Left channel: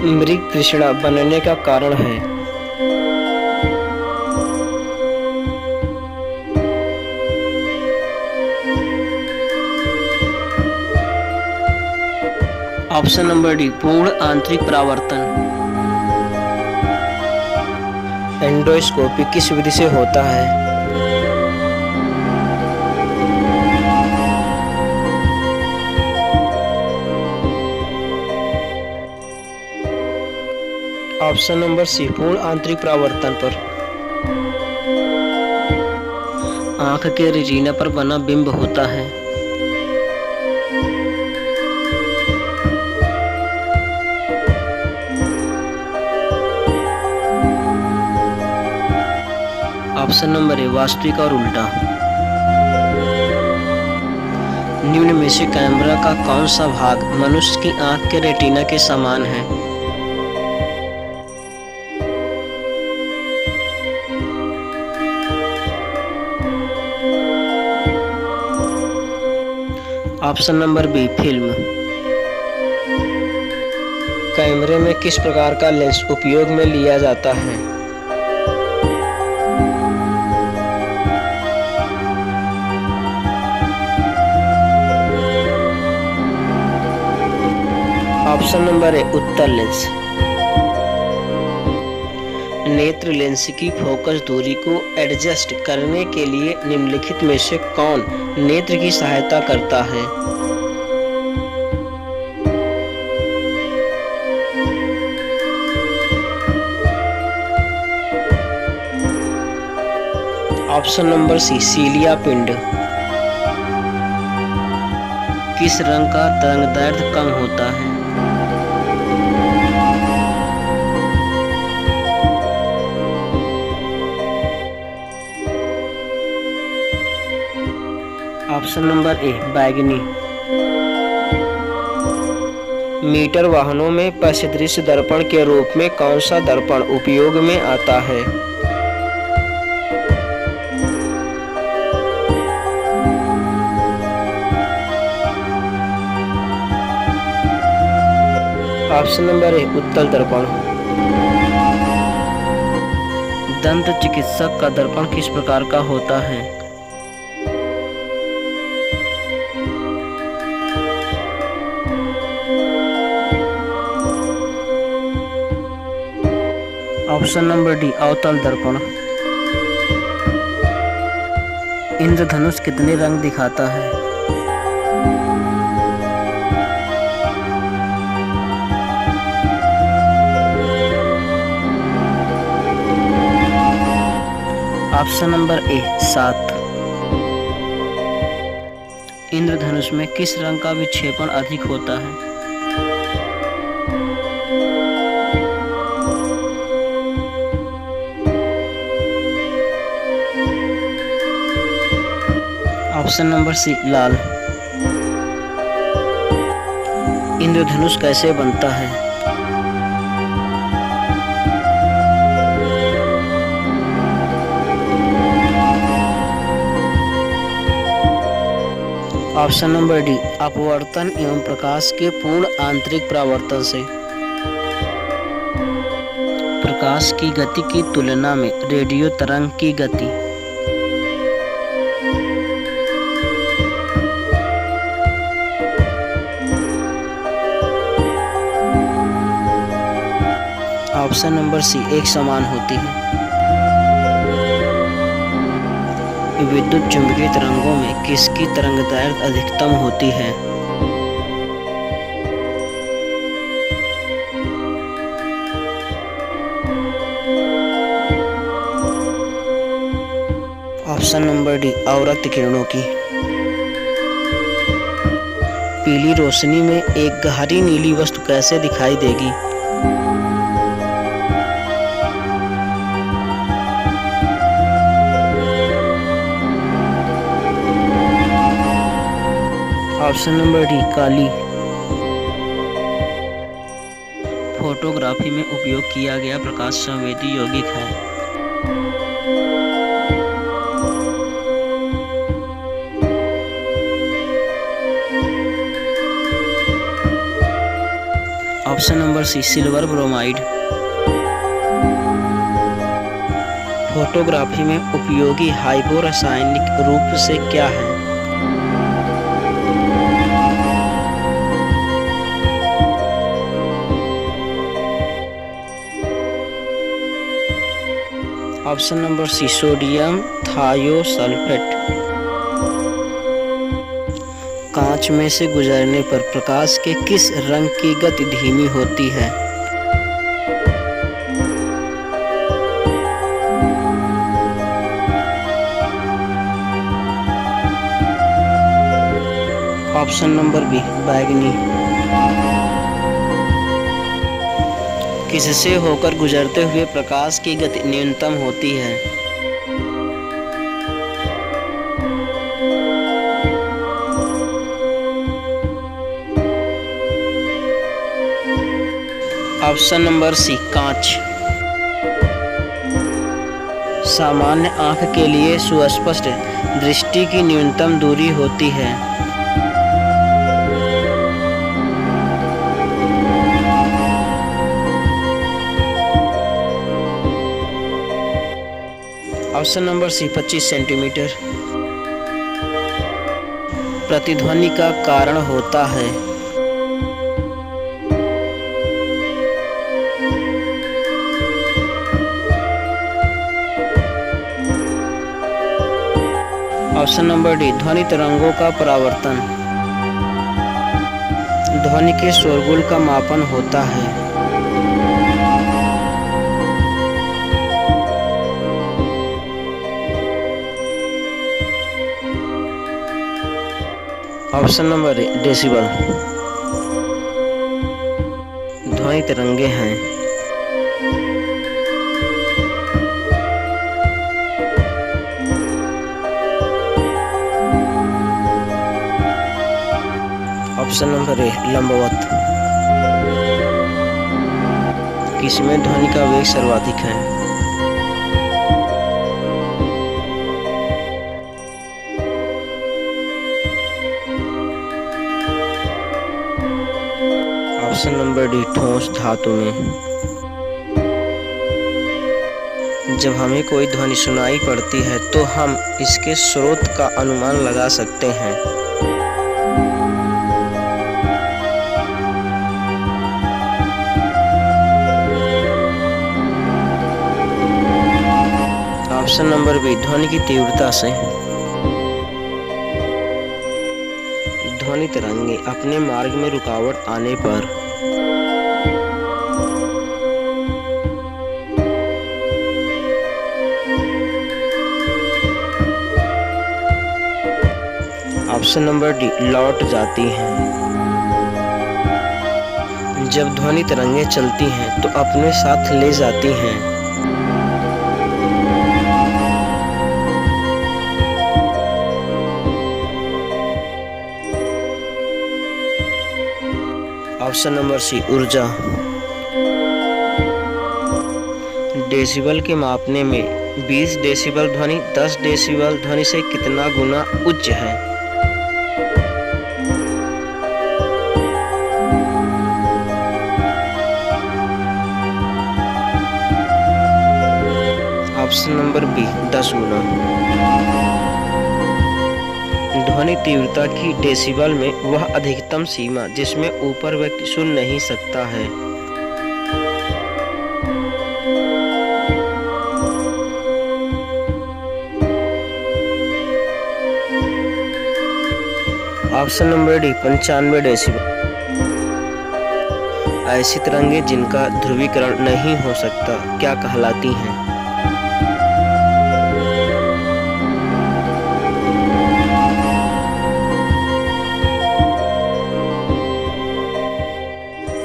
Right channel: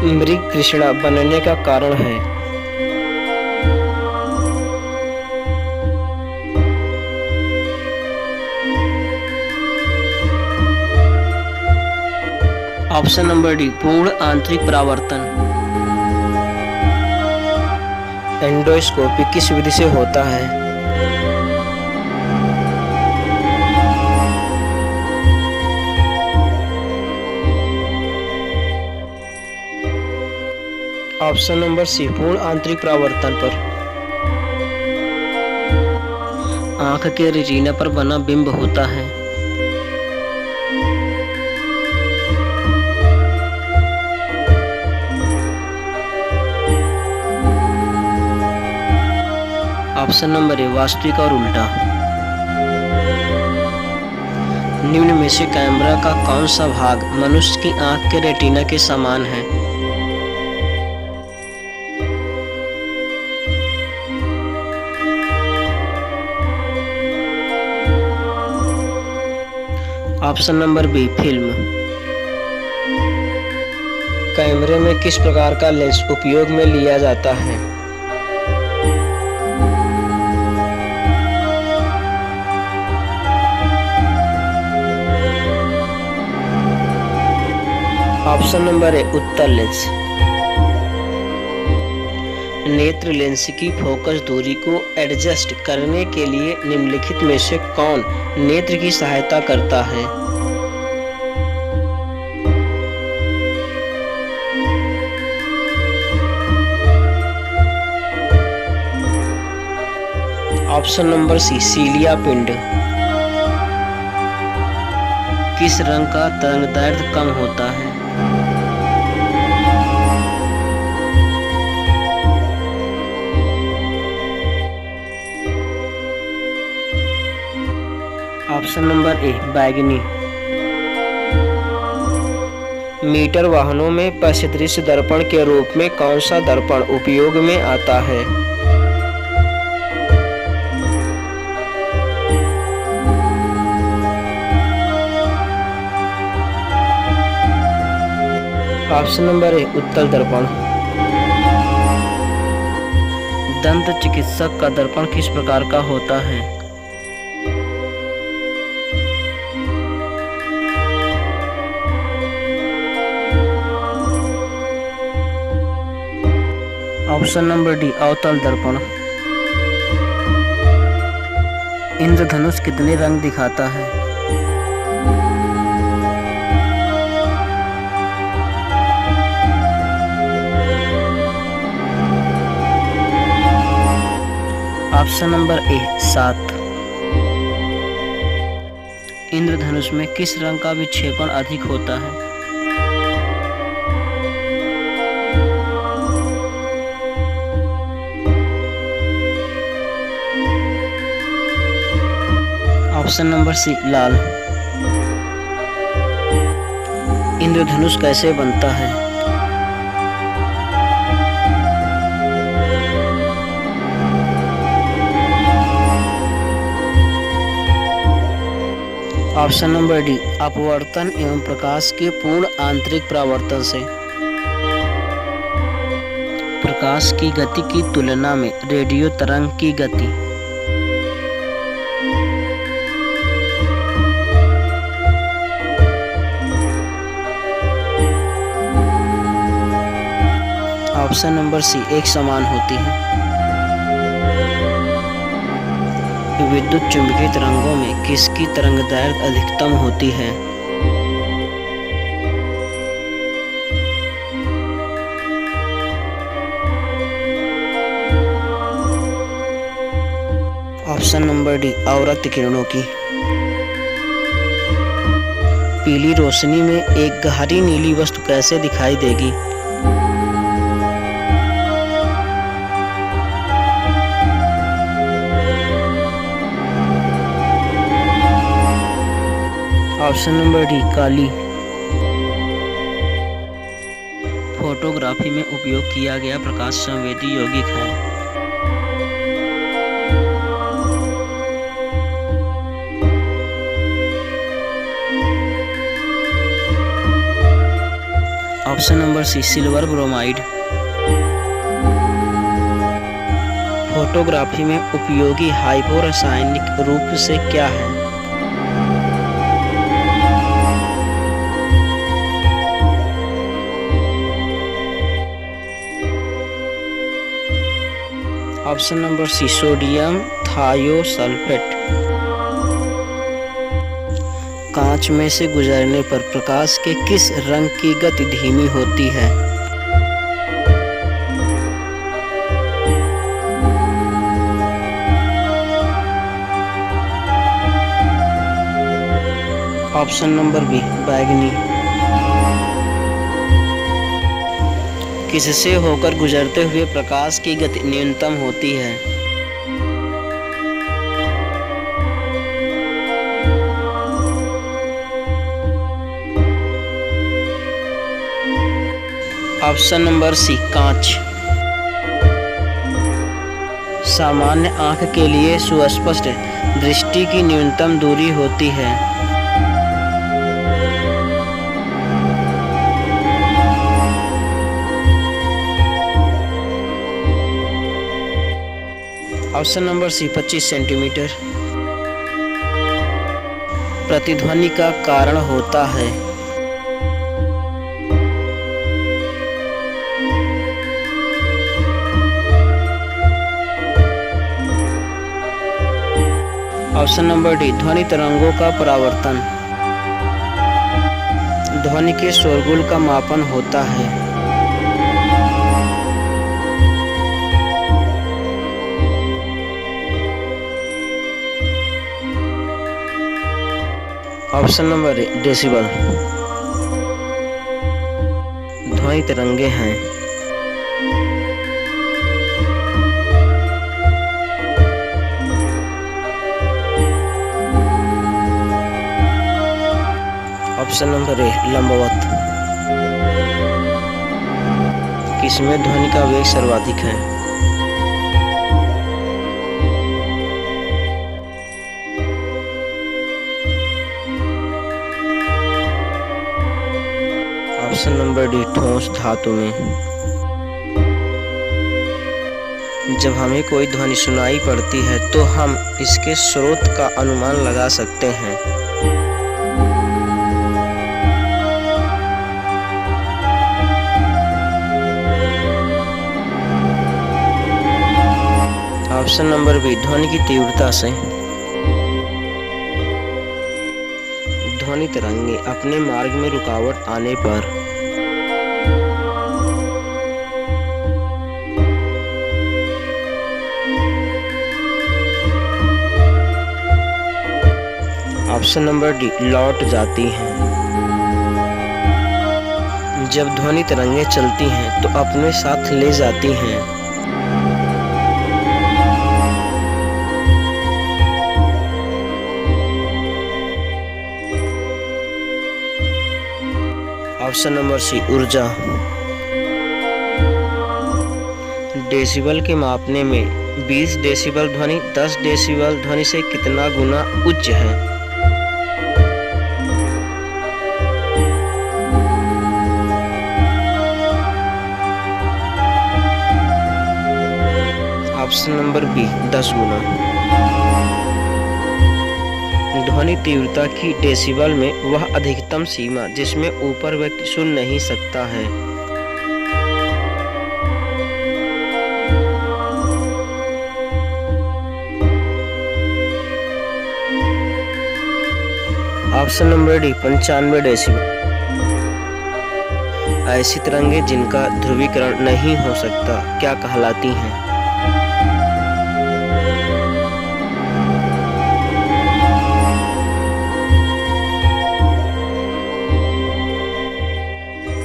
मृग तृष्णा बनने का कारण है? ऑप्शन नंबर डी, पूर्ण आंतरिक परावर्तन। एंडोस्कोपी किस विधि से होता है? ऑप्शन नंबर सी, पूर्ण आंतरिक परावर्तन पर। आंख के रेटिना पर बना बिंब होता है। ऑप्शन नंबर ए, वास्तविक और उल्टा। निम्न में से कैमरा का कौन सा भाग मनुष्य की आंख के रेटिना के समान है? Option number B, film. कैमरे में किस प्रकार का लेंस उपयोग में लिया जाता है? ऑप्शन नंबर ए, उत्तल लेंस। नेत्र लेंस की फोकस दूरी को एडजस्ट करने के लिए निम्नलिखित में से कौन नेत्र की सहायता करता है? ऑप्शन नंबर सी, सीलिया पिंड। किस रंग का तरंगदैर्ध्य कम होता है? ऑप्शन नंबर ए, बैगनी। मीटर वाहनों में परिदृश्य दर्पण के रूप में कौन सा दर्पण उपयोग में आता है? ऑप्शन नंबर ए, उत्तल दर्पण। दंत चिकित्सक का दर्पण किस प्रकार का होता है? ऑप्शन नंबर डी, अवतल दर्पण। इंद्रधनुष कितने रंग दिखाता है? Option number A, 7। इंद्रधनुष में किस रंग का विक्षेपण अधिक होता है? ऑप्शन नंबर सी, लाल। इंद्रधनुष कैसे बनता है? ऑप्शन नंबर डी, अपवर्तन एवं प्रकाश के पूर्ण आंतरिक परावर्तन से। प्रकाश की गति की तुलना में रेडियो तरंग की गति। ऑप्शन नंबर सी, एक समान होती है। विद्युत चुम्बकीय तरंगों में किसकी तरंगदैर्घ्य अधिकतम होती है? ऑप्शन नंबर डी, अवरक्त किरणों की। पीली रोशनी में एक गहरी नीली वस्तु कैसे दिखाई देगी? ऑप्शन नंबर डी, काली। फोटोग्राफी में उपयोग किया गया प्रकाश संवेदी यौगिक है। Option number C silver bromide. Photography में उपयोगी हाइपोरासायनिक रूप से क्या है? Option number C sodium thiosulphate. कांच में से गुजरने पर प्रकाश के किस रंग की गति धीमी होती है? ऑप्शन नंबर बी बैगनी। किससे होकर गुजरते हुए प्रकाश की गति न्यूनतम होती है? ऑप्शन नंबर सी कांच। सामान्य आंख के लिए सुस्पष्ट दृष्टि की न्यूनतम दूरी होती है। Option number C 25 centimetre. प्रतिध्वनि का कारण होता है। ऑप्शन नंबर डी ध्वनि तरंगों का परावर्तन। ध्वनि के शोरगुल का मापन होता है। Option number A decibel. ध्वनि तरंगे हैं। ऑप्शन नंबर ए लंबवत। किसमें ध्वनि का वेग सर्वाधिक है? ऑप्शन नंबर डी ठोस धातु में। जब हमें कोई ध्वनि सुनाई पड़ती है तो हम इसके स्रोत का अनुमान लगा सकते हैं। ऑप्शन नंबर बी ध्वनि की तीव्रता से। ध्वनि तरंगे अपने मार्ग में रुकावट आने पर ऑप्शन नंबर डी लौट जाती हैं। जब ध्वनि तरंगे चलती हैं तो अपने साथ ले जाती हैं। ऑप्शन नंबर सी ऊर्जा। डेसिबल के मापने में 20 डेसिबल ध्वनि 10 डेसिबल ध्वनि से कितना गुना उच्च है? ऑप्शन नंबर बी 10 गुना। ध्वनि तीव्रता की डेसिबल में वह अधिकतम सीमा जिसमें ऊपर व्यक्ति सुन नहीं सकता है। Option number D 95 decibel. ऐसी तरंगे जिनका ध्रुवीकरण नहीं हो सकता क्या कहलाती हैं?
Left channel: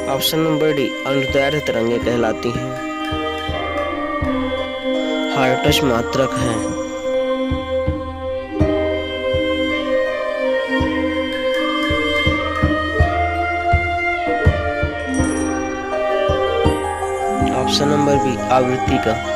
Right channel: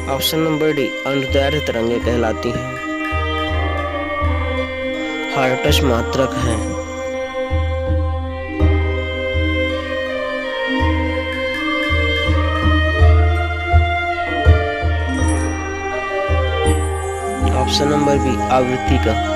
ऑप्शन नंबर डी अनुदैर्ध्य तरंगे कहलाती हैं। हर्ट्ज मात्रक हैं। ऑप्शन नंबर बी आवृत्ति का।